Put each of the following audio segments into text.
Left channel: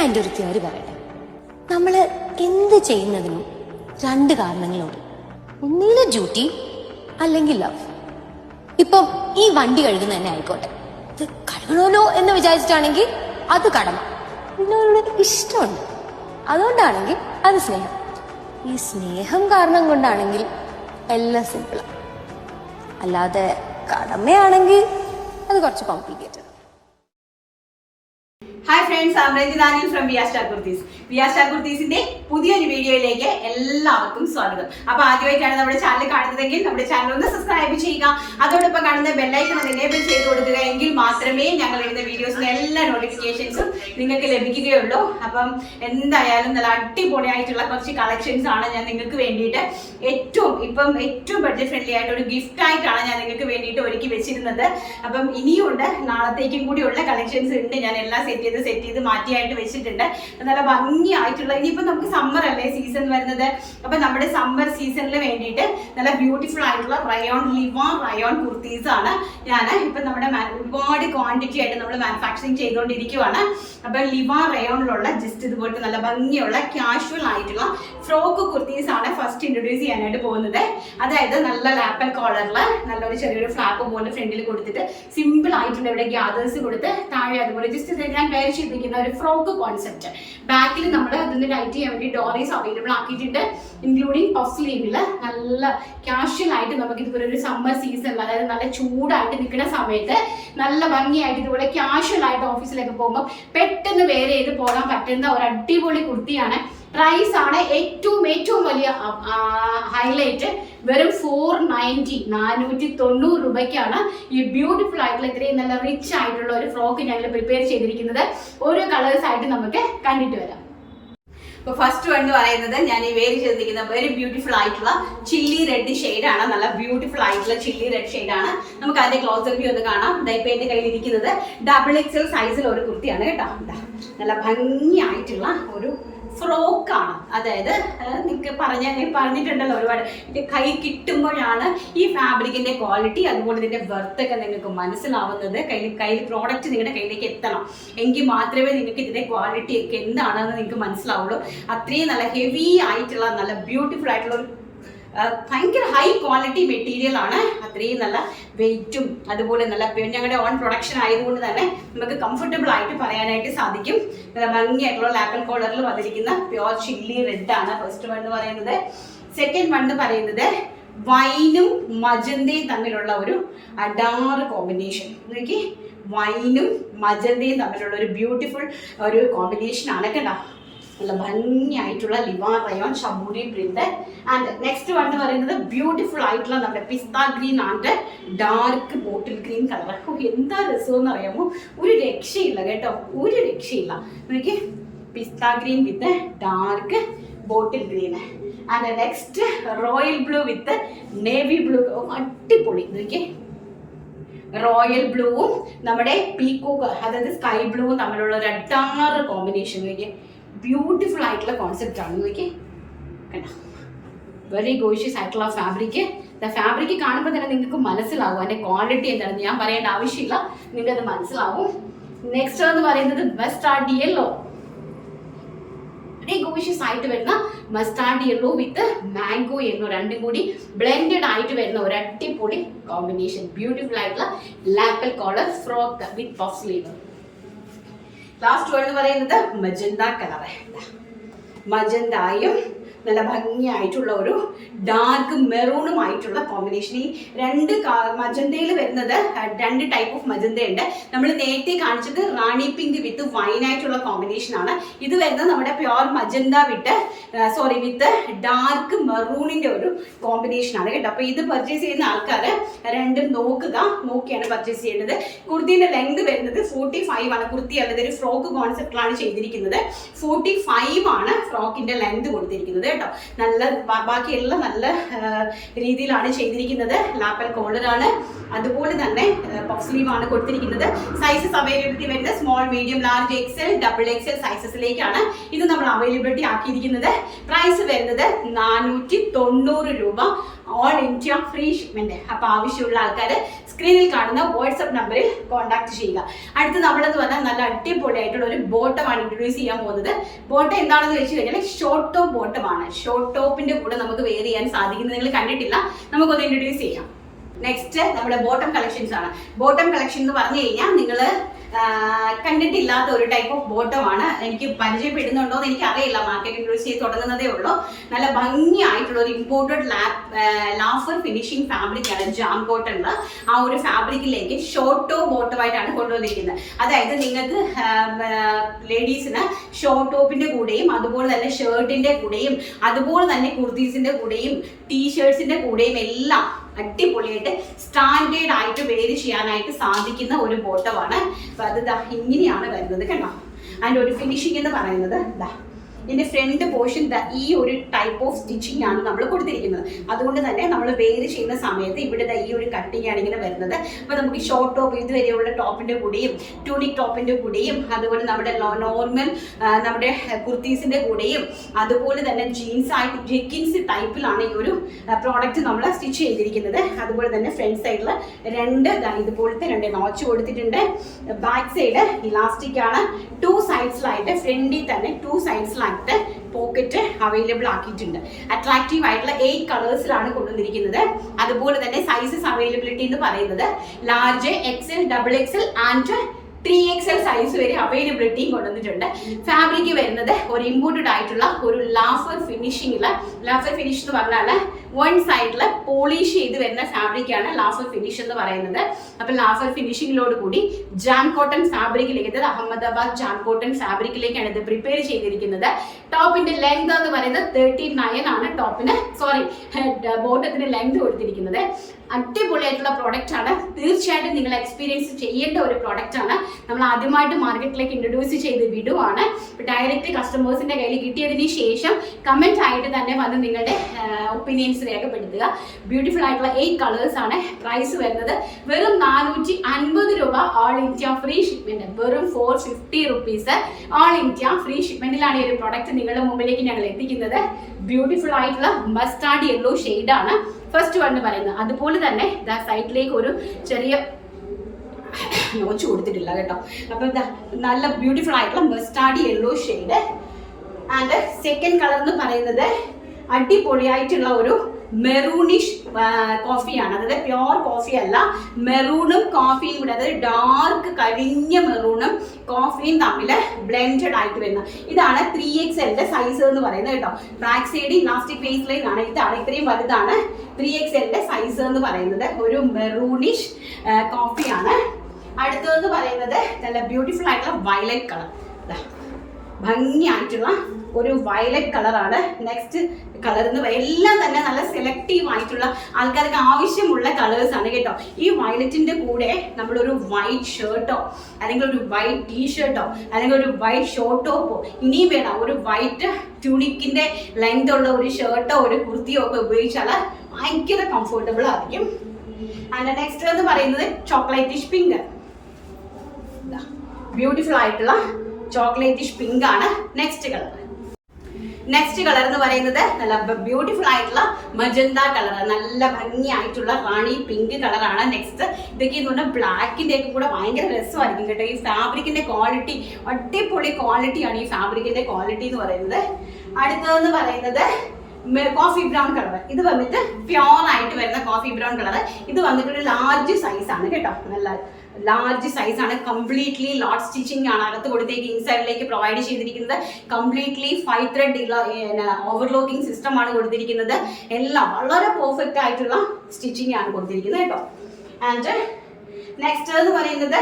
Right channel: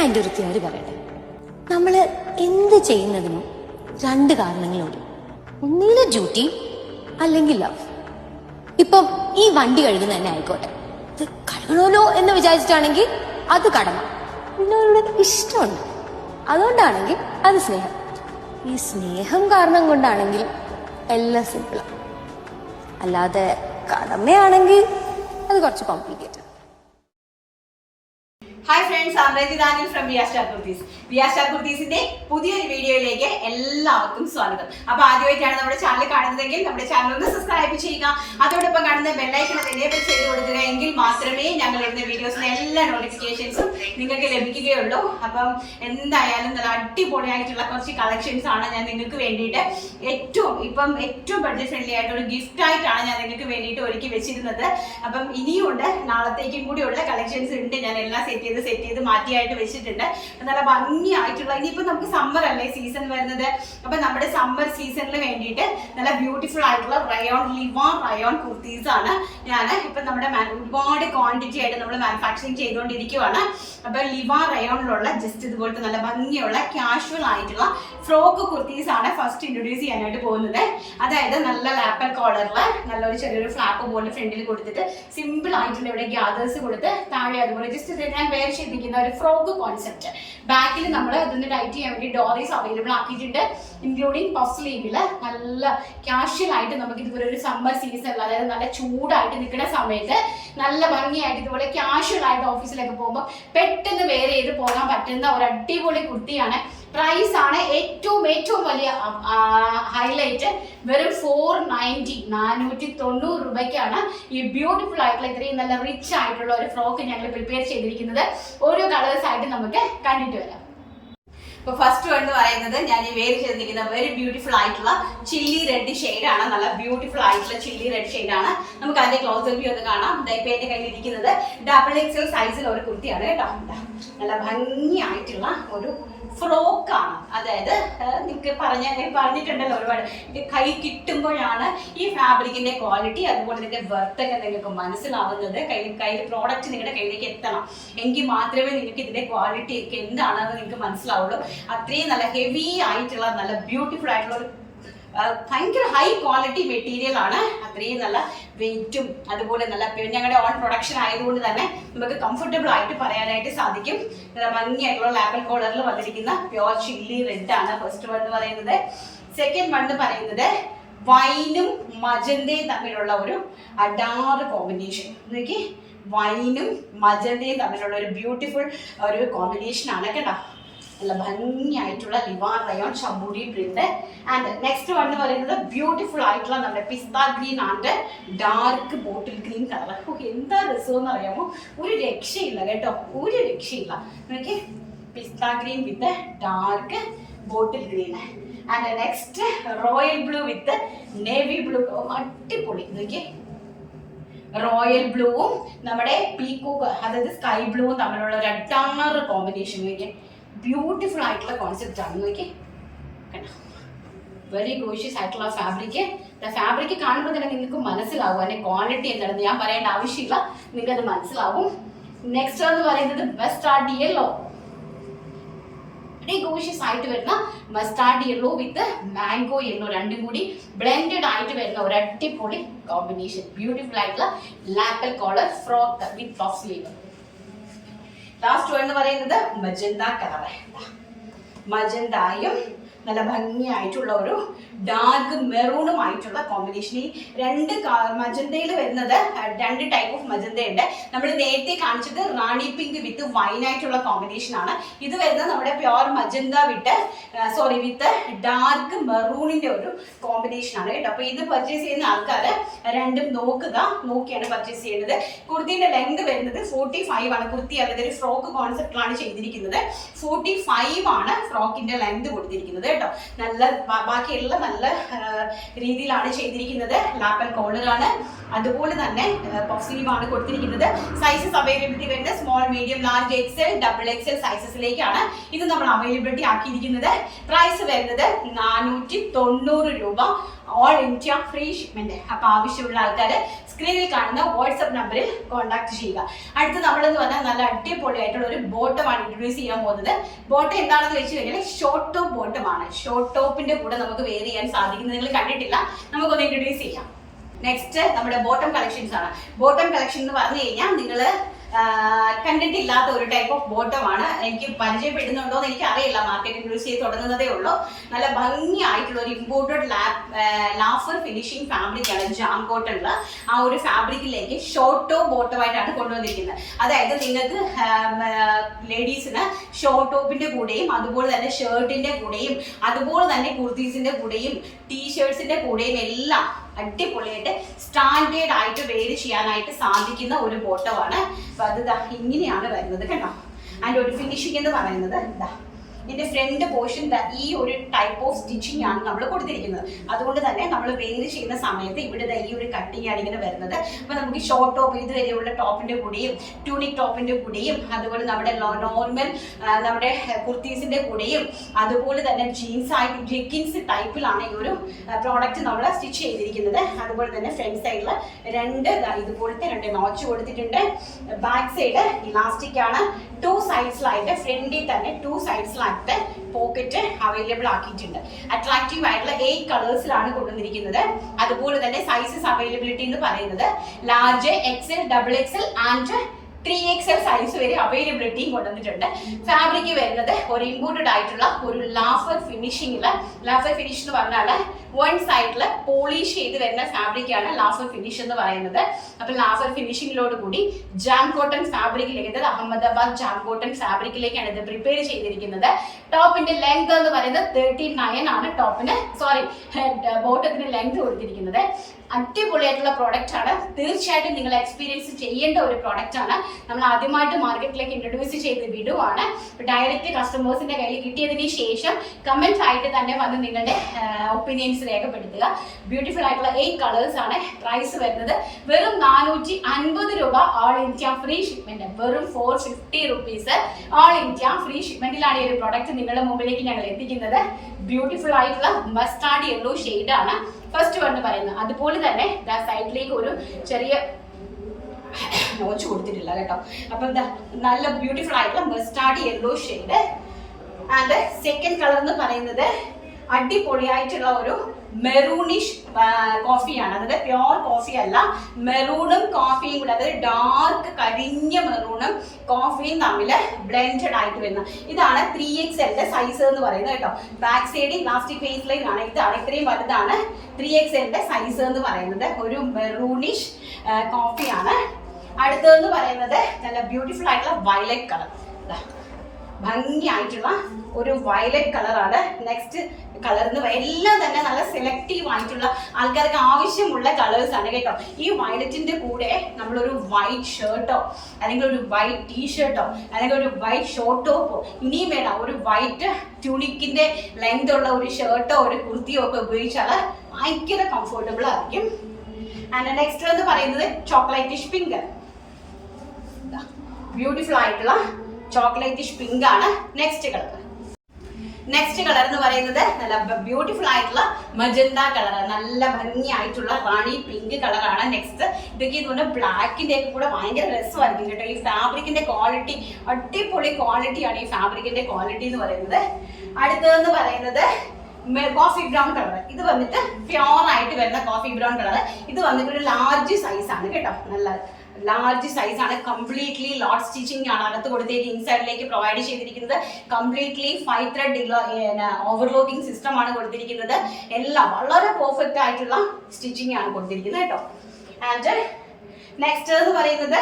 ഞാൻ എൻ്റെ ഒരു തിയറി പറയട്ടെ. നമ്മൾ എന്ത് ചെയ്യുന്നതിനും രണ്ട് കാരണങ്ങളുണ്ട്. ഒന്നിലെ ഡ്യൂട്ടി അല്ലെങ്കിൽ ലവ്. ഇപ്പം ഈ വണ്ടി കഴുകുന്ന തന്നെ ആയിക്കോട്ടെ, ഇത് കഴുകണമല്ലോ എന്ന് വിചാരിച്ചിട്ടാണെങ്കിൽ അത് കടമ. പിന്നെ അവരുടെ ഇഷ്ടമുണ്ട്, അതുകൊണ്ടാണെങ്കിൽ അത് സ്നേഹം. ഈ സ്നേഹം കാരണം കൊണ്ടാണെങ്കിൽ എല്ലാം സിമ്പിളാണ്. അല്ലാതെ കടമയാണെങ്കിൽ അത് കുറച്ച് complicated. Hi friends, I am രഞ്ജിതാനിൽ from Viya Star Kurtis. Viya Star കുർത്തീസിന്റെ പുതിയൊരു വീഡിയോയിലേക്ക് എല്ലാവർക്കും സ്വാഗതം. അപ്പൊ ആദ്യമായിട്ടാണ് നമ്മുടെ ചാനൽ കാണുന്നതെങ്കിൽ നമ്മുടെ ചാനൽ ഒന്ന് സബ്സ്ക്രൈബ് ചെയ്യുക. അതോടൊപ്പം കാണുന്ന ബെല്ലൈക്കൺ ഒന്ന് എനേബിൾ ചെയ്ത് കൊടുക്കുക. എങ്കിൽ മാത്രമേ ഞങ്ങൾ ഇടുന്ന വീഡിയോസിലെ എല്ലാ നോട്ടിഫിക്കേഷൻസും നിങ്ങൾക്ക് ലഭിക്കുകയുള്ളൂ. അപ്പം എന്തായാലും നല്ല അടിപൊളിയായിട്ടുള്ള കുറച്ച് കളക്ഷൻസ് ആണ് ഞാൻ നിങ്ങൾക്ക് വേണ്ടിയിട്ട് ഏറ്റവും ബഡ്ജറ്റ് ഫ്രണ്ട്ലി ആയിട്ട് ഒരു ഗിഫ്റ്റ് ആയിട്ടാണ് ഞാൻ നിങ്ങൾക്ക് വേണ്ടിയിട്ട് ഒരുക്കി വെച്ചിരുന്നത്. അപ്പം ഇനിയുണ്ട്, നാളത്തേക്കും കൂടിയുള്ള കളക്ഷൻസ് ഉണ്ട്. ഞാൻ എല്ലാം സെറ്റ് ചെയ്ത് മാറ്റിയായിട്ട് വെച്ചിട്ടുണ്ട്. നല്ല ഭംഗിയായിട്ടുള്ള, ഇനിയിപ്പോ നമുക്ക് സമ്മർ അല്ലേ സീസൺ വരുന്നത്. അപ്പൊ നമ്മുടെ സമ്മർ സീസണിൽ വേണ്ടിയിട്ട് നല്ല ബ്യൂട്ടിഫുൾ ആയിട്ടുള്ള റയോൺ കുർത്തീസ് ആണ് ഞാൻ ഇപ്പൊ നമ്മുടെ ഒരുപാട് ക്വാണ്ടിറ്റി ആയിട്ട് നമ്മൾ മാനുഫാക്ചറിങ് ചെയ്തുകൊണ്ടിരിക്കുവാണ്. അപ്പൊ റയോണിലുള്ള ജസ്റ്റ് ഇതുപോലത്തെ നല്ല ഭംഗിയുള്ള കാഷ്വൽ ആയിട്ടുള്ള ഫ്രോക്ക് കുർത്തീസ് ആണ് ഫസ്റ്റ് ഇൻട്രൊഡ്യൂസ് ചെയ്യാനായിട്ട് പോകുന്നത്. അതായത് നല്ല ലാപ്പൽ കോളറിൽ നല്ലൊരു ചെറിയൊരു ഫ്ലാപ്പ് പോലെ ഫ്രണ്ടിൽ കൊടുത്തിട്ട് സിമ്പിൾ ആയിട്ടുള്ള ഇവിടെ ഗ്യാദേഴ്സ് കൊടുത്ത് താഴെ അതുപോലെ ജസ്റ്റ് ഞാൻ വെയർ ചെയ്തിരിക്കുന്ന ഒരു ഫ്രോക്ക് കോൺസെപ്റ്റ്. ബാക്കിൽ നമ്മൾ അതിന് ടൈറ്റ് ചെയ്യാൻ വേണ്ടി ഡോറീസ് അവൈലബിൾ ആക്കിയിട്ടുണ്ട്, ഇൻക്ലൂഡിങ് പഫ് സ്ലീവില് നല്ല കാഷ്വൽ ആയിട്ട് നമുക്ക് ഇതുപോലെ ഒരു സമ്മർ സീസണിൽ, അതായത് നല്ല ചൂടായിട്ട് നിൽക്കുന്ന സമയത്ത് നല്ല ഭംഗിയായിട്ട് ഇതുപോലെ കാഷ്വൽ ആയിട്ട് ഓഫീസിലേക്ക് പോകുമ്പോൾ പെട്ടെന്ന് വെയർ ചെയ്ത് പോകാൻ പറ്റുന്ന ഒരു അടിപൊളി കുർത്തിയാണ്. പ്രൈസ് ആണ് ഏറ്റവും വലിയ ഹൈലൈറ്റ്. വെറും 490 രൂപയ്ക്കാണ് ഈ ബ്യൂട്ടിഫുൾ ആയിട്ടുള്ള ഇത്രയും നല്ല റിച്ച് ആയിട്ടുള്ള ഒരു ഫ്രോക്ക് ഞങ്ങൾ പ്രിപ്പയർ ചെയ്തിരിക്കുന്നത്. ഓരോ കളേഴ്സ് ആയിട്ട് നമുക്ക് കണ്ടിട്ട് വരാം. ഇപ്പൊ ഫസ്റ്റ് എന്ന് പറയുന്നത് ഞാൻ ഈ വെയർ ചെയ്തിരിക്കുന്ന വെരി ബ്യൂട്ടിഫുൾ ആയിട്ടുള്ള ചില്ലി റെഡ് ഷെയ്ഡാണ്. നല്ല ബ്യൂട്ടിഫുൾ ആയിട്ടുള്ള ചില്ലി റെഡ് ഷെയ്ഡാണ്. നമുക്ക് അതിന്റെ ക്ലോസർ വ്യൂ ഒന്ന് കാണാം. ഇപ്പൊ എന്റെ കയ്യിൽ ഇരിക്കുന്നത് XXL സൈസിൽ ഒരു കുർത്തിയാണ് കേട്ടോ. നല്ല ഭംഗിയായിട്ടുള്ള ഒരു ഫ്രോക്കാണ്. അതായത് പറഞ്ഞിട്ടുണ്ടല്ലോ ഒരുപാട്, കൈ കിട്ടുമ്പോഴാണ് ഈ ഫാബ്രിക്കിന്റെ ക്വാളിറ്റി അതുപോലെ ഇതിന്റെ വെർത്ത് ഒക്കെ നിങ്ങൾക്ക് മനസ്സിലാവുന്നത്. കയ്യിൽ പ്രോഡക്റ്റ് നിങ്ങളുടെ കയ്യിലേക്ക് എത്തണം, എങ്കിൽ മാത്രമേ നിങ്ങൾക്ക് ഇതിന്റെ ക്വാളിറ്റി ഒക്കെ എന്താണെന്ന് നിങ്ങൾക്ക് മനസ്സിലാവുള്ളൂ. അത്രയും നല്ല ഹെവി ആയിട്ടുള്ള നല്ല ബ്യൂട്ടിഫുൾ ആയിട്ടുള്ള ഒരു ഭയങ്കര ഹൈ ക്വാളിറ്റി മെറ്റീരിയൽ ആണ്. അത്രയും നല്ല വെയിറ്റും അതുപോലെ നല്ല ഞങ്ങളുടെ ഓൺ പ്രൊഡക്ഷൻ ആയതുകൊണ്ട് തന്നെ നമുക്ക് കംഫർട്ടബിൾ ആയിട്ട് പറയാനായിട്ട് സാധിക്കും. നല്ല ഭംഗിയായിട്ടുള്ള ലാക്കൽ കോളറിൽ വന്നിരിക്കുന്ന പ്യോർ ചില്ലി റെഡ് ആണ് ഫസ്റ്റ് വൺ എന്ന് പറയുന്നത്. സെക്കൻഡ് വൺ എന്ന് പറയുന്നത് വൈനും മജന്തയും തമ്മിലുള്ള ഒരു അഡാറ് കോമ്പിനേഷൻ. നോക്കി, വൈനും മജന്തയും തമ്മിലുള്ള ഒരു ബ്യൂട്ടിഫുൾ ഒരു കോമ്പിനേഷൻ ആണ് കേട്ടോ. നല്ല ഭംഗിയായിട്ടുള്ള റയോൺ ഷമൂഡി പ്രിന്റ്. ആൻഡ് നെക്സ്റ്റ് വൺ എന്ന് പറയുന്നത് ബ്യൂട്ടിഫുൾ ആയിട്ടുള്ള നമ്മുടെ pista green and dark bottle green colour. എന്താ രസമെന്ന് അറിയാമോ, ഒരു രക്ഷയില്ല കേട്ടോ, ഒരു രക്ഷയില്ല. നോക്കി, pista green with dark bottle green. And next royal blue with navy blue. അടിപൊളി. നോക്കി, റോയൽ ബ്ലൂവും നമ്മുടെ പീക്കോക്ക് അതായത് സ്കൈ ബ്ലൂവും തമ്മിലുള്ള ഒരു അഡാറ് കോമ്പിനേഷൻ. നോക്കി, ബ്യൂട്ടിഫുൾ ആയിട്ടുള്ള കോൺസെപ്റ്റ് ആണ്. നോക്കി കേട്ടോ, വെരി ഗോഷ്യസ് ആയിട്ടുള്ള ഫാബ്രിക്. ഫാബ്രിക് കാണുമ്പോൾ തന്നെ നിങ്ങൾക്ക് മനസ്സിലാവും അതിന്റെ ക്വാളിറ്റി എന്താണെന്ന്. ഞാൻ പറയേണ്ട ആവശ്യമില്ല, നിങ്ങൾക്ക് അത് മനസ്സിലാവും. നെക്സ്റ്റ് എന്ന് പറയുന്നത് മസ്റ്റാർഡ് യെല്ലോ. വെരി ഗോഷ്യസ് ആയിട്ട് വരുന്ന മസ്റ്റാർഡ് യെല്ലോ വിത്ത് മാംഗോ യെല്ലോ, രണ്ടും കൂടി ബ്ലെൻഡഡ് ആയിട്ട് വരുന്ന ഒരു അടിപൊളി കോമ്പിനേഷൻ. ബ്യൂട്ടിഫുൾ ആയിട്ടുള്ള ലാപ്പൽ കോളർ ഫ്രോക്ക് വിത്ത് പഫ് സ്ലീവ്. ലാസ്റ്റ് വൺ എന്ന് പറയുന്നത് മജന്ത കളർ. മജന്തായും നല്ല ഭംഗിയായിട്ടുള്ള ഒരു ഡാർക്ക് മെറൂണും ആയിട്ടുള്ള കോമ്പിനേഷൻ. ഈ രണ്ട് മജന്തയിൽ വരുന്നത് രണ്ട് ടൈപ്പ് ഓഫ് മജന്ത ഉണ്ട്. നമ്മൾ നേരത്തെ കാണിച്ചത് റാണി പിങ്ക് വിത്ത് വൈൻ ആയിട്ടുള്ള കോമ്പിനേഷൻ ആണ്. ഇത് വരുന്നത് നമ്മുടെ പ്യോർ മജന്ത വിത്ത് ഡാർക്ക് മെറൂണിന്റെ ഒരു കോമ്പിനേഷൻ ആണ് കേട്ടോ. അപ്പൊ ഇത് പർച്ചേസ് ചെയ്യുന്ന ആൾക്കാർ രണ്ടും നോക്കിയാണ് പർച്ചേസ് ചെയ്യുന്നത്. കുർത്തിന്റെ ലെങ്ത് വരുന്നത് 45 ആണ്. കുർത്തി അല്ലെങ്കിൽ ഒരു ഫ്രോക്ക് കോൺസെപ്റ്റിലാണ് ചെയ്തിരിക്കുന്നത്. 45 ആണ് ഫ്രോക്കിന്റെ ലെങ്ത് കൊടുത്തിരിക്കുന്നത് കേട്ടോ. നല്ല ബാക്കിയെല്ലാം നല്ല രീതിയിലാണ് ചെയ്തിരിക്കുന്നത്. ലാപ്പൽ കോളറാണ്, അതുപോലെ തന്നെ പഫ് സ്ലീവ് ആണ് കൊടുത്തിരിക്കുന്നത്. സൈസസ് അവൈലബിലിറ്റി വരുന്നത് small, medium, large, XL, XXL സൈസസിലേക്കാണ് ഇത് നമ്മൾ അവൈലബിലിറ്റി ആക്കിയിരിക്കുന്നത്. പ്രൈസ് വരുന്നത് 490 രൂപ. All India free shipment. അപ്പൊ ആവശ്യമുള്ള ആൾക്കാർ സ്ക്രീനിൽ കാണുന്ന വാട്സ്ആപ്പ് നമ്പറിൽ കോൺടാക്ട് ചെയ്യുക. അടുത്ത് നമ്മളെന്ന് പറഞ്ഞാൽ നല്ല അടിപൊളിയായിട്ടുള്ള ഒരു ബോട്ടമാണ് ഇൻട്രൊഡ്യൂസ് ചെയ്യാൻ പോകുന്നത്. ബോട്ടം എന്താണെന്ന് വെച്ച് കഴിഞ്ഞാൽ ഷോർട്ട് ടോപ്പ് ബോട്ടമാണ്. ഷോർട്ട് ടോപ്പിന്റെ കൂടെ നമുക്ക് വെയർ ചെയ്യാൻ സാധിക്കുന്നത് നിങ്ങൾ കണ്ടിട്ടില്ല, നമുക്കൊന്ന് ഇൻട്രൊഡ്യൂസ് ചെയ്യാം. നെക്സ്റ്റ് നമ്മുടെ ബോട്ടം കളക്ഷൻസ് ആണ്. ബോട്ടം കളക്ഷൻ എന്ന് പറഞ്ഞു കഴിഞ്ഞാൽ നിങ്ങൾ കണ്ടിട്ടില്ലാത്ത ഒരു ടൈപ്പ് ഓഫ് ബോട്ടമാണ്. എനിക്ക് പരിചയപ്പെടുന്നുണ്ടോ എന്ന് എനിക്ക് അറിയില്ല, മാർക്കറ്റിംഗ് യൂസ് ചെയ്ത് തുടങ്ങുന്നതേ ഉള്ളൂ. നല്ല ഭംഗിയായിട്ടുള്ള ഒരു ഇമ്പോർട്ടഡ് ലാഫർ ഫിനിഷിംഗ് ഫാബ്രിക് ആണ് ജാം കോട്ടണില്. ആ ഒരു ഫാബ്രിക്കിലേക്ക് ഷോർട്ട് ടോപ്പ് ബോട്ടമായിട്ടാണ് കൊണ്ടുവന്നിരിക്കുന്നത്. അതായത് നിങ്ങൾക്ക് ലേഡീസിന് ഷോർട്ട് ടോപ്പിന്റെ കൂടെയും അതുപോലെ തന്നെ ഷർട്ടിന്റെ കൂടെയും അതുപോലെ തന്നെ കുർത്തീസിന്റെ കൂടെയും ടീഷർട്സിന്റെ കൂടെയും എല്ലാം അടിപൊളിയായിട്ട് സ്റ്റാൻഡേർഡ് ആയിട്ട് വെയർ ചെയ്യാനായിട്ട് സാധിക്കുന്ന ഒരു ബോട്ടമാണ്. അപ്പൊ അത് ഇങ്ങനെയാണ് വരുന്നത് കണ്ടോ. അതിന്റെ ഒരു ഫിനിഷിംഗ് എന്ന് പറയുന്നത് ഇതിന്റെ ഫ്രണ്ട് പോർഷൻ ഈ ഒരു ടൈപ്പ് ഓഫ് സ്റ്റിച്ചിങ് ആണ് നമ്മൾ കൊടുത്തിരിക്കുന്നത്. അതുകൊണ്ട് തന്നെ നമ്മൾ വെയർ ചെയ്യുന്ന സമയത്ത് ഇവിടെ ഈ ഒരു കട്ടിങ് ആണ് ഇങ്ങനെ വരുന്നത്. അപ്പൊ നമുക്ക് ഷോർട്ട് ടോപ്പ് ഇതുവരെയുള്ള ടോപ്പിന്റെ കൂടെയും ട്യൂണിക് ടോപ്പിന്റെ കൂടെയും അതുപോലെ നമ്മുടെ നോർമൽ നമ്മുടെ കുർത്തീസിന്റെ കൂടെയും അതുപോലെ തന്നെ ജീൻസ് ആയിട്ട് ജെഗിൻസ് ടൈപ്പിലാണ് ഈ ഒരു പ്രോഡക്റ്റ് നമ്മൾ സ്റ്റിച്ച് ചെയ്തിരിക്കുന്നത്. അതുപോലെ തന്നെ ഫ്രണ്ട് സൈഡിൽ ഇതുപോലത്തെ രണ്ട് നോച്ച് കൊടുത്തിട്ടുണ്ട്. ബാക്ക് സൈഡ് ഇലാസ്റ്റിക് ആണ്. 2 സൈഡ്സിലായിട്ട് ഫ്രണ്ടിൽ തന്നെ 2 സൈഡ്സിലായിട്ട് പോക്കറ്റ് അവൈലബിൾ ആക്കിയിട്ടുണ്ട്. അട്രാക്റ്റീവ് ആയിട്ടുള്ള 8 കളേഴ്സിലാണ് കൊണ്ടുവന്നിരിക്കുന്നത്. അതുപോലെ തന്നെ സൈസസ് അവൈലബിലിറ്റി എന്ന് പറയുന്നത് large, XL, double XL and 3XL size വരെ അവൈലബിലിറ്റിയും കൊണ്ടുവന്നിട്ടുണ്ട്. ഫാബ്രിക് വരുന്നത് ഒരു ഇമ്പോർട്ടഡ് ആയിട്ടുള്ള ഒരു ലാഫർ ഫിനിഷിംഗില്. ലാഫർ ഫിനിഷ് എന്ന് പറഞ്ഞാൽ വൺ സൈഡിൽ പോളിഷ് ചെയ്ത് വരുന്ന ഫാബ്രിക്കാണ് ലാഫർ ഫിനിഷ് എന്ന് പറയുന്നത്. അപ്പൊ ലാഫർ ഫിനിഷിംഗിലോട് കൂടി ജാം കോട്ടൺ ഫാബ്രിക്കിലേക്ക്, അഹമ്മദാബാദ് ജാം കോട്ടൺ ഫാബ്രിക്കിലേക്കാണ് ഇത് പ്രിപ്പയർ ചെയ്തിരിക്കുന്നത്. ടോപ്പിന്റെ ലെങ്ത് എന്ന് പറയുന്നത് 39 ആണ്. ബോട്ടത്തിന്റെ ലെങ്ത് കൊടുത്തിരിക്കുന്നത്. അടിപൊളിയായിട്ടുള്ള പ്രോഡക്റ്റ് ആണ്. തീർച്ചയായിട്ടും നിങ്ങൾ എക്സ്പീരിയൻസ് ചെയ്യേണ്ട ഒരു പ്രോഡക്റ്റ് ആണ്. നമ്മൾ ആദ്യമായിട്ട് മാർക്കറ്റിലേക്ക് ഇൻട്രൊഡ്യൂസ് ചെയ്ത് വിടുവാണ്. ഡയറക്റ്റ് കസ്റ്റമേഴ്സിന്റെ കയ്യിൽ കിട്ടിയതിന് ശേഷം കമന്റ് ആയിട്ട് തന്നെ വന്ന് നിങ്ങളുടെ ഒപ്പീനിയൻസ് രേഖപ്പെടുത്തുക. ബ്യൂട്ടിഫുൾ ആയിട്ടുള്ള 8 കളേഴ്സ് ആണ്. പ്രൈസ് വരുന്നത് വെറും 450 രൂപ. All India free shipment. വെറും 450 റുപ്പീസ് ഓൾ ഇന്ത്യ ഫ്രീ ഷിപ്മെന്റിലാണ് ഈ ഒരു പ്രോഡക്റ്റ് നിങ്ങളുടെ മുമ്പിലേക്ക് ഞങ്ങൾ എത്തിക്കുന്നത്. ബ്യൂട്ടിഫുൾ ആയിട്ടുള്ള മസ്റ്റാർഡ് യെല്ലോ ഷെയ്ഡാണ് ഫസ്റ്റ് വൺ പറയുന്നത്. അതുപോലെ തന്നെ സൈഡിലേക്ക് ഒരു ചെറിയ നോച്ച് കൊടുത്തിട്ടില്ല കേട്ടോ. അപ്പൊ നല്ല ബ്യൂട്ടിഫുൾ ആയിട്ടുള്ള mustard yellow shade. And second colour എന്ന് പറയുന്നത് അടിപൊളിയായിട്ടുള്ള ഒരു മെറൂണിഷ് കോഫിയാണ്. അതായത് പ്യോർ കോഫി അല്ല, മെറൂണും കോഫിയും കൂടെ, അതായത് ഡാർക്ക് കരിഞ്ഞ മെറൂണും കോഫിയും തമ്മിൽ ബ്ലെൻഡഡ് ആയിട്ട് വരുന്ന ഇതാണ് 3XL സൈസ് എന്ന് പറയുന്നത് കേട്ടോ. Back side elastic waste line ആണ്. ഇതാണ് ഇത്രയും വലുതാണ് 3XL സൈസ് എന്ന് പറയുന്നത്. ഒരു മെറൂണിഷ് കോഫിയാണ്. അടുത്തതെന്ന് പറയുന്നത് നല്ല ബ്യൂട്ടിഫുൾ ആയിട്ടുള്ള വയലറ്റ് കളർ. ഭംഗിയായിട്ടുള്ള ഒരു വയലറ്റ് കളറാണ് നെക്സ്റ്റ് കളർ എന്ന് പറയുന്നത്. എല്ലാം തന്നെ നല്ല സെലക്റ്റീവ് ആയിട്ടുള്ള ആൾക്കാർക്ക് ആവശ്യമുള്ള കളേഴ്സ് ആണ് കേട്ടോ. ഈ വയലറ്റിന്റെ കൂടെ നമ്മളൊരു വൈറ്റ് ഷർട്ടോ അല്ലെങ്കിൽ ഒരു വൈറ്റ് ടീഷർട്ടോ അല്ലെങ്കിൽ ഒരു വൈറ്റ് ഷോർട്ട് ടോപ്പോ ഇനിയും വേണം ഒരു വൈറ്റ് ട്യൂണിക്കിന്റെ ലെങ്ത് ഉള്ള ഒരു ഷർട്ടോ ഒരു കുർത്തിയോ ഒക്കെ ഉപയോഗിച്ചാൽ ഭയങ്കര കംഫർട്ടബിൾ ആയിരിക്കും. ആൻഡ് നെക്സ്റ്റ് എന്ന് പറയുന്നത് ചോക്ലേറ്റിഷ് പിങ്ക്. ബ്യൂട്ടിഫുൾ ആയിട്ടുള്ള ചോക്ലേറ്റിഷ് പിങ്ക് ആണ് നെക്സ്റ്റ് കളർ. നെക്സ്റ്റ് കളർ എന്ന് പറയുന്നത് നല്ല ബ്യൂട്ടിഫുൾ ആയിട്ടുള്ള മജന്ത കളർ. നല്ല ഭംഗിയായിട്ടുള്ള റാണി പിങ്ക് കളറാണ് നെക്സ്റ്റ്. ഇതൊക്കെ എന്ന് പറഞ്ഞാൽ ബ്ലാക്കിന്റെ ഒക്കെ കൂടെ ഭയങ്കര രസമായിരിക്കും കേട്ടോ. ഈ ഫാബ്രിക്കിന്റെ ക്വാളിറ്റി അടിപൊളി ക്വാളിറ്റിയാണ് ഈ ഫാബ്രിക്കിന്റെ ക്വാളിറ്റി എന്ന് പറയുന്നത്. അടുത്തതെന്ന് പറയുന്നത് കോഫി ബ്രൗൺ കളർ. ഇത് വന്നിട്ട് പ്യോർ ആയിട്ട് വരുന്ന കോഫി ബ്രൗൺ കളർ. ഇത് വന്നിട്ട് ഒരു ലാർജ് സൈസ് ആണ് കേട്ടോ. നല്ല ലാർജ് സൈസ് ആണ്. കംപ്ലീറ്റ്ലി ലോട്ട് സ്റ്റിച്ചിങ് ആണ് അകത്ത് കൊടുത്തേക്ക് ഇൻസൈഡിലേക്ക് പ്രൊവൈഡ് ചെയ്തിരിക്കുന്നത്. കംപ്ലീറ്റ്ലി 5 ത്രെഡ് ഓവർലോക്കിംഗ് സിസ്റ്റം ആണ് കൊടുത്തിരിക്കുന്നത്. എല്ലാം വളരെ പെർഫെക്റ്റ് ആയിട്ടുള്ള സ്റ്റിച്ചിങ് ആണ് കൊടുത്തിരിക്കുന്നത് കേട്ടോ. ആൻഡ് നെക്സ്റ്റ് എന്ന് പറയുന്നത്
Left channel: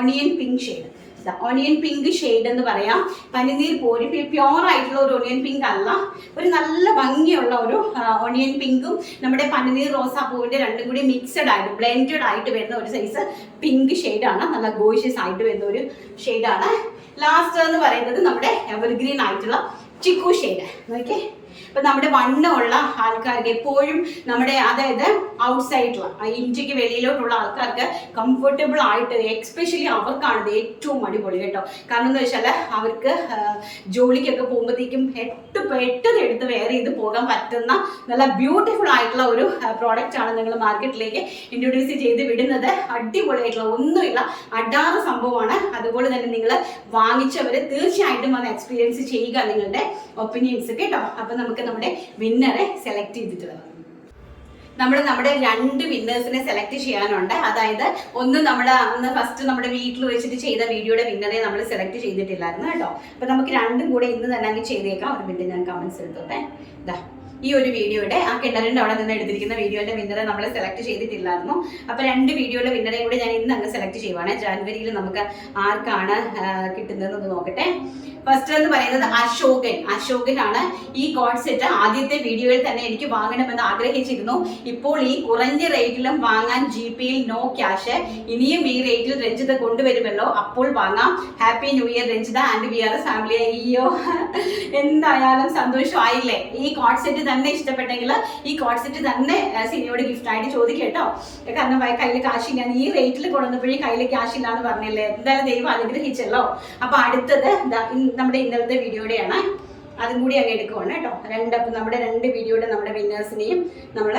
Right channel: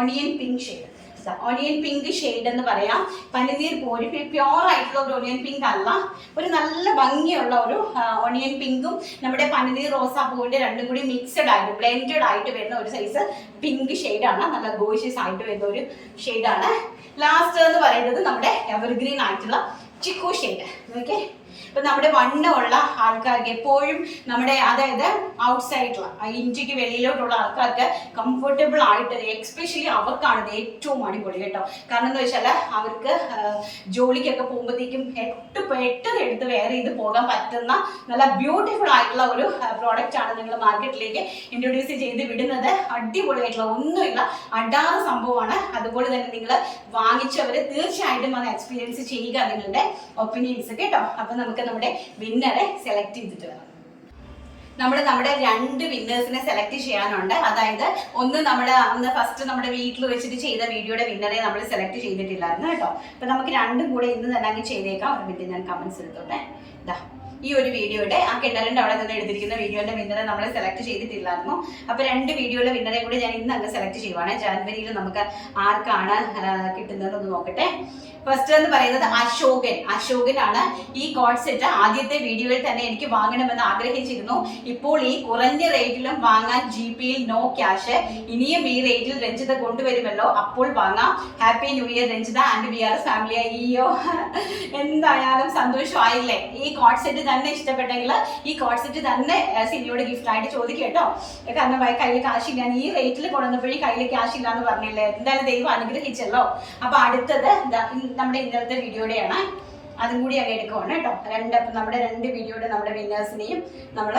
onion pink shade. Onion pink shade എന്ന് പറയാം. പനിനീർ പോരി പ്യോർ ആയിട്ടുള്ള ഒരു ഒണിയൻ പിങ്ക് അല്ല, ഒരു നല്ല ഭംഗിയുള്ള ഒരു ഒണിയൻ പിങ്കും നമ്മുടെ പനിനീർ റോസാപ്പൂവിന്റെ രണ്ടും കൂടി മിക്സഡ് ആയിട്ട് ബ്ലെൻഡഡ് ആയിട്ട് വരുന്ന ഒരു സൈസ് പിങ്ക് ഷെയ്ഡാണ്. നല്ല ഗോഷ്യസ് ആയിട്ട് വരുന്ന ഒരു ഷെയ്ഡാണ്. ലാസ്റ്റ് എന്ന് പറയുന്നത് നമ്മുടെ എവർഗ്രീൻ ആയിട്ടുള്ള ചിക്കു ഷെയ്ഡ്. ഓക്കെ, ഇപ്പൊ നമ്മുടെ വണ്ണമുള്ള ആൾക്കാർക്ക് എപ്പോഴും നമ്മുടെ അതായത് ഔട്ട്സൈഡിലുള്ള ഇന്ത്യക്ക് വെളിയിലോട്ടുള്ള ആൾക്കാർക്ക് കംഫർട്ടബിൾ ആയിട്ട് എക്സ്പെഷ്യലി അവർക്കാണ് ഇത് ഏറ്റവും അടിപൊളി കേട്ടോ. കാരണം എന്താ വെച്ചാൽ അവർക്ക് ജോലിക്കൊക്കെ പോകുമ്പോഴത്തേക്കും പെട്ടെന്ന് എടുത്ത് വെയർ ചെയ്ത് പോകാൻ പറ്റുന്ന നല്ല ബ്യൂട്ടിഫുൾ ആയിട്ടുള്ള ഒരു പ്രോഡക്റ്റ് ആണ് നിങ്ങൾ മാർക്കറ്റിലേക്ക് ഇൻട്രൊഡ്യൂസ് ചെയ്ത് വിടുന്നത്. അടിപൊളിയായിട്ടുള്ള ഒന്നുമില്ല, അടാറ് സംഭവമാണ്. അതുപോലെ തന്നെ നിങ്ങൾ വാങ്ങിച്ചവർ തീർച്ചയായിട്ടും വന്ന് എക്സ്പീരിയൻസ് ചെയ്യുക നിങ്ങളുടെ ഒപ്പീനിയൻസ് കേട്ടോ. അപ്പൊ നമുക്ക് നമ്മുടെ വിന്നറെ സെലക്ട് ചെയ്തിട്ട് വരാം. നമ്മുടെ 2 വിന്നേഴ്സിനെ സെലക്ട് ചെയ്യാനുണ്ട്. അതായത് ഒന്ന് നമ്മുടെ അന്ന് ഫസ്റ്റ് നമ്മുടെ വീട്ടിൽ വെച്ചിട്ട് ചെയ്ത വീഡിയോയുടെ വിന്നറെ നമ്മൾ സെലക്ട് ചെയ്തിട്ടില്ലായിരുന്നു കേട്ടോ. അപ്പൊ നമുക്ക് രണ്ടും കൂടെ ഇന്ന് തന്നെ അങ്ങ് ചെയ്തേക്കാം. ഒരു മിനിറ്റ് ഞാൻ കമന്റ്സ് എടുത്തോട്ടെ. ഇതാ ഈ ഒരു വീഡിയോയുടെ ആ കിണറിന്റെ അവിടെ നിന്ന് എടുത്തിരിക്കുന്ന വീഡിയോന്റെ വിന്നറെ നമ്മൾ സെലക്ട് ചെയ്തിട്ടില്ലായിരുന്നു. അപ്പൊ 2 വീഡിയോയുടെ വിന്നറെ കൂടി ഞാൻ ഇന്ന് അങ്ങ് സെലക്ട് ചെയ്യുവാണ്. ജനുവരിയിൽ നമുക്ക് ആർക്കാണ് കിട്ടുന്നതെന്ന് നോക്കട്ടെ. ഫസ്റ്റ് എന്ന് പറയുന്നത് അശോകൻ ആണ്. ഈ കോഡ് സെറ്റ് ആദ്യത്തെ വീഡിയോയിൽ തന്നെ എനിക്ക് വാങ്ങണമെന്ന് ആഗ്രഹിച്ചിരുന്നു. ഇപ്പോൾ ഈ കുറഞ്ഞ റേറ്റിലും വാങ്ങാൻ GPയിൽ നോ ക്യാഷ്. ഇനിയും ഈ റേറ്റിൽ രഞ്ജിത കൊണ്ടുവരുമല്ലോ, അപ്പോൾ വാങ്ങാം. Happy new year Ranjitha and VRS family. അയ്യോ എന്തായാലും സന്തോഷമായില്ലേ. ഈ കോഡ് സെറ്റ് തന്നെ ഇഷ്ടപ്പെട്ടെങ്കിൽ ഈ കോഡ് സെറ്റ് തന്നെ സിനിയോട് ഗിഫ്റ്റ് ആയിട്ട് ചോദിക്കട്ടോ. കാരണം കയ്യിൽ കാശില്ല, ഞാൻ ഈ റേറ്റിൽ കൊണ്ടുവന്നപ്പോഴേ കയ്യിൽ ക്യാഷ് ഇല്ല എന്ന് പറഞ്ഞില്ലേ. എന്തായാലും ദൈവം അനുഗ്രഹിച്ചല്ലോ. അപ്പൊ അടുത്തത് നമ്മുടെ ഇന്നലത്തെ വീഡിയോയുടെയാണ്. അതും കൂടി അങ്ങ് എടുക്കുവാണ് കേട്ടോ. നമ്മുടെ 2 വീഡിയോയുടെ നമ്മുടെ വിന്നേഴ്സിനെയും നമ്മൾ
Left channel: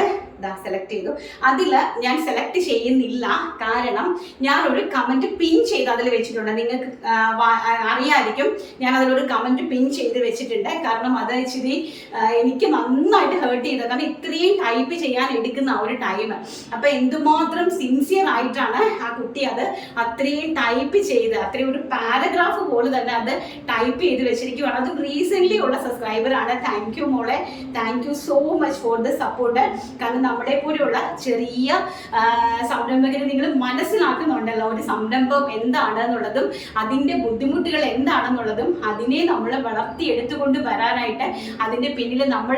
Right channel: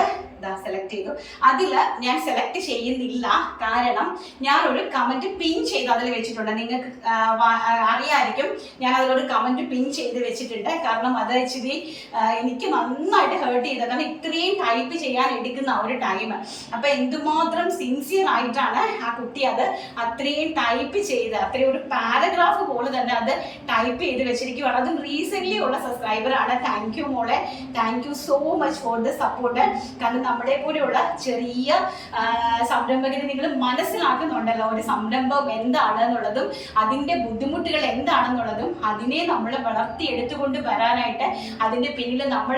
സെലക്ട് ചെയ്തു. അതിൽ ഞാൻ സെലക്ട് ചെയ്യുന്നില്ല, കാരണം ഞാൻ ഒരു കമന്റ് പിൻ ചെയ്ത് അതിൽ വെച്ചിട്ടുണ്ട്. നിങ്ങൾക്ക് അറിയായിരിക്കും, ഞാൻ അതിലൊരു കമന്റ് പിൻ ചെയ്ത് വെച്ചിട്ടുണ്ട്. കാരണം അത് ഇച്ചിരി എനിക്ക് നന്നായിട്ട് ഹേർട്ട് ചെയ്തത്. കാരണം ഇത്രയും ടൈപ്പ് ചെയ്യാൻ എടുക്കുന്ന ഒരു ടൈം, അപ്പൊ എന്തുമാത്രം സിൻസിയർ ആയിട്ടാണ് ആ കുട്ടി അത് അത്രയും ടൈപ്പ് ചെയ്ത്, അത്രയും ഒരു പാരഗ്രാഫ് പോലെ തന്നെ അത് ടൈപ്പ് ചെയ്ത് വെച്ചിരിക്കുകയാണ്. അതും റീസെന്റ് ഉള്ള സബ്സ്ക്രൈബർ ആണ്. താങ്ക് യു മോളെ, thank you so much for the support. കാരണം നമ്മളെ പോലെയുള്ള ചെറിയ സംരംഭകരെ നിങ്ങൾ മനസ്സിലാക്കുന്നുണ്ടല്ലോ, ഒരു സംരംഭം എന്താണ് എന്നുള്ളതും അതിന്റെ ബുദ്ധിമുട്ടുകൾ എന്താണെന്നുള്ളതും അതിനെ നമ്മൾ വളർത്തിയെടുത്തുകൊണ്ട് വരാനായിട്ട് അതിന്റെ പിന്നിൽ നമ്മൾ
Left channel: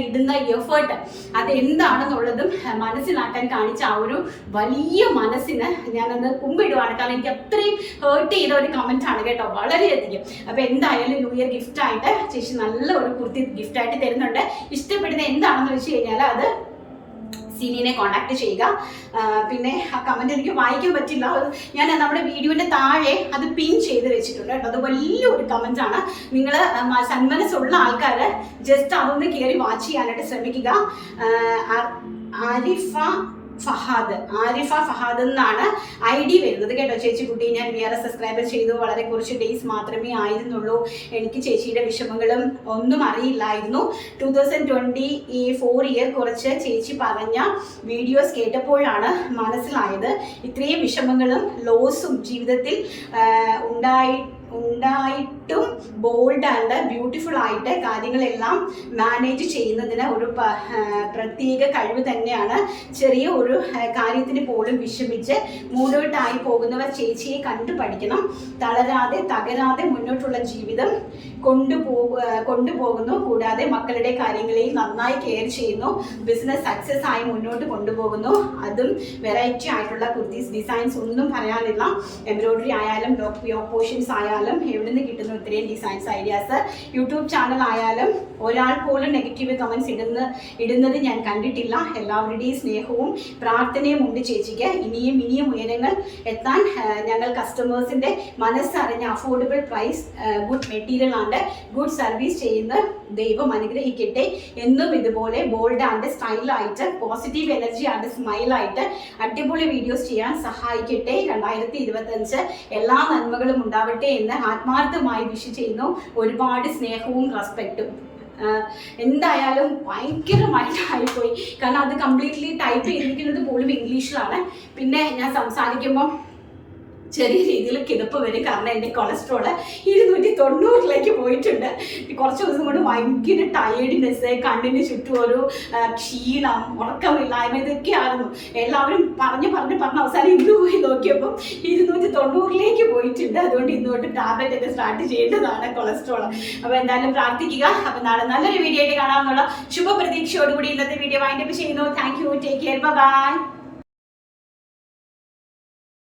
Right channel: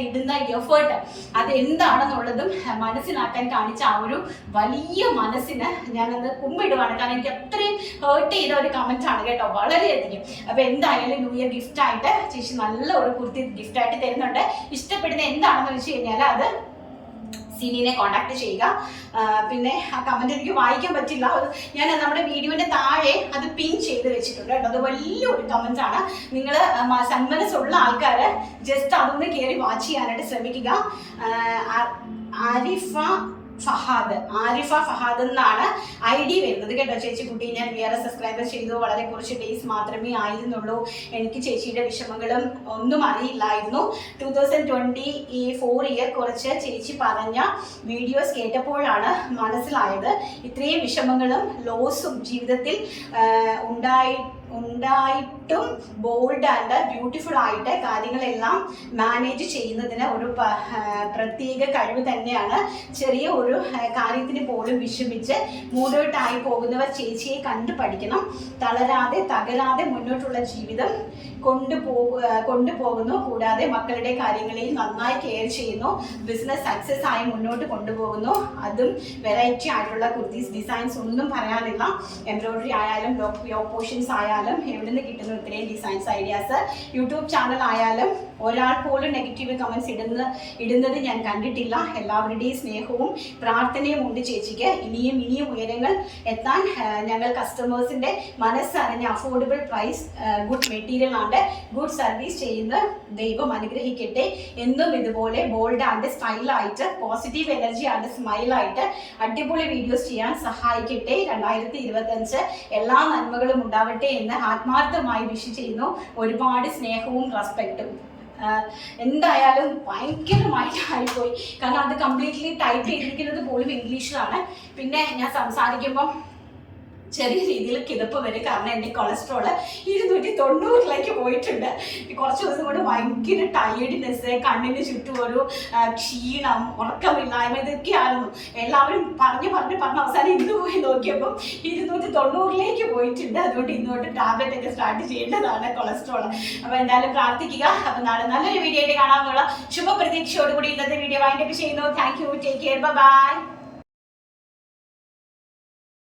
ഇടുന്ന എഫേർട്ട് അത് എന്താണെന്നുള്ളതും മനസ്സിലാക്കാൻ കാണിച്ച ആ ഒരു വലിയ മനസ്സിന് ഞാനത് കുമ്പിടുവാണ്. കാരണം എനിക്ക് അത്രയും ഹേർട്ട് ചെയ്ത ഒരു കമന്റ് ആണ് കേട്ടോ, വളരെയധികം. അപ്പൊ എന്തായാലും ന്യൂ ഇയർ ഗിഫ്റ്റ് ആയിട്ട് ചേച്ചി നല്ല ഒരു കുർത്തി ഗിഫ്റ്റ് ആയിട്ട് തരുന്നുണ്ട്. ഇഷ്ടപ്പെടുന്ന എന്താണെന്ന് വെച്ച് കഴിഞ്ഞാൽ അത് സിനിനെ കോൺടാക്ട് ചെയ്യുക. പിന്നെ ആ കമന്റ് എനിക്ക് വായിക്കാൻ പറ്റില്ല, ഞാൻ നമ്മുടെ വീഡിയോന്റെ താഴെ അത് പിൻ ചെയ്ത് വെച്ചിട്ടുണ്ട് കേട്ടോ. അത് വലിയൊരു കമന്റ് ആണ്. നിങ്ങൾ സന്മനസ്സുള്ള ആൾക്കാർ ജസ്റ്റ് അതൊന്ന് കയറി വാച്ച് ചെയ്യാനായിട്ട് ശ്രമിക്കുക. ആരിഫ ഫഹാദ് എന്നാണ് ID വരുന്നത് കേട്ടോ. ചേച്ചി കുട്ടി, ഞാൻ VRS സബ്സ്ക്രൈബർ ചെയ്തു, വളരെ കുറച്ച് ഡേയ്സ് മാത്രമേ ആയിരുന്നുള്ളൂ. എനിക്ക് ചേച്ചിയുടെ വിഷമങ്ങളും ഒന്നും അറിയില്ലായിരുന്നു. 2024 ഇയർ കുറച്ച് ചേച്ചി പറഞ്ഞ വീഡിയോസ് കേട്ടപ്പോഴാണ് മനസ്സിലായത് ഇത്രയും വിഷമങ്ങളും ലോസും ജീവിതത്തിൽ ഉണ്ടായിട്ടും ബോൾഡ് ആൻഡ് ബ്യൂട്ടിഫുൾ ആയിട്ട് കാര്യങ്ങളെല്ലാം മാനേജ് ചെയ്യുന്നതിന് ഒരു പ്രത്യേക കഴിവ് തന്നെയാണ്. ചെറിയ ഒരു കാര്യത്തിന് പോലും വിഷമിച്ച് മൂഡൗട്ടായി പോകുന്നവർ ചേച്ചിയെ കണ്ടു പഠിക്കണം. തകരാതെ മുന്നോട്ടുള്ള ജീവിതം കൊണ്ടുപോകുന്നു. കൂടാതെ മക്കളുടെ കാര്യങ്ങളിൽ നന്നായി കെയർ ചെയ്യുന്നു. ബിസിനസ് സക്സസ് ആയി മുന്നോട്ട് കൊണ്ടുപോകുന്നു. അതും വെറൈറ്റി ആയിട്ടുള്ള കുർത്തീസ് ഡിസൈൻസ് ഒന്നും പറയാനില്ല. എംബ്രോയിഡറി ആയാലും പോർഷൻസ് ആയാലും എവിടെ നിന്ന് കിട്ടുന്നു ഇത്രയും ഡിസൈൻസ് ഐഡിയാസ്. യൂട്യൂബ് ചാനൽ ആയാലും ഒരാൾ പോലും നെഗറ്റീവ് കമന്റ്സ് ഇടുന്നത് ഞാൻ കണ്ടിട്ടില്ല. എല്ലാവരുടെയും സ്നേഹവും പ്രാർത്ഥനയും ഉണ്ട് ചേച്ചിക്ക്. ഇനിയും ഉയരങ്ങൾ എത്താൻ ഞങ്ങൾ കസ്റ്റമേഴ്സിന്റെ മനസ്സറിഞ്ഞ affordable price, good material and good service ചെയ്യുന്ന ദൈവം അനുഗ്രഹിക്കട്ടെ. എന്നും ഇതുപോലെ ബോൾഡ് ആൻഡ് സ്റ്റൈലായിട്ട് പോസിറ്റീവ് എനർജി ആൻഡ് സ്മൈലായിട്ട് അടിപൊളി വീഡിയോസ് ചെയ്യാൻ സഹായിക്കട്ടെ. 2025 എല്ലാ നന്മകളും ഉണ്ടാവട്ടെ എന്ന് ആത്മാർത്ഥമായി വിഷ് ചെയ്യുന്നു. ഒരുപാട് സ്നേഹവും റെസ്പെക്റ്റും. എന്തായാലും ഭയങ്കരമായിട്ടായിപ്പോയി, കാരണം അത് കംപ്ലീറ്റ്ലി ടൈപ്പ് ചെയ്തിരിക്കുന്നത് പോലും ഇംഗ്ലീഷിലാണ്. പിന്നെ ഞാൻ സംസാരിക്കുമ്പം ചെറിയ രീതിയിൽ കിതപ്പ് വരും, കാരണം എൻ്റെ കൊളസ്ട്രോള് 290 പോയിട്ടുണ്ട്. കുറച്ച് ദിവസം കൊണ്ട് ഭയങ്കര ടയേർഡ്നെസ്, കണ്ണിന് ചുറ്റും ഒരു ക്ഷീണം, ഉറക്കമില്ലായ്മ, ഇതൊക്കെയായിരുന്നു. എല്ലാവരും പറഞ്ഞ് അവസാനം ഇന്ന് പോയി നോക്കിയപ്പോൾ 290 പോയിട്ടുണ്ട്. അതുകൊണ്ട് ഇന്നോട്ട് ടാബ്ലറ്റ് ഒക്കെ സ്റ്റാർട്ട് ചെയ്യേണ്ടതാണ് കൊളസ്ട്രോൾ. അപ്പോൾ എന്തായാലും പ്രാർത്ഥിക്കുക. അപ്പം നാളെ നല്ലൊരു വീഡിയോ ആയിട്ട് കാണാമെന്നുള്ള ശുഭപ്രതീക്ഷയോടുകൂടി ഇന്നത്തെ വീഡിയോ വൈൻഡപ്പ് ചെയ്യുന്നു. Thank you, take care, by.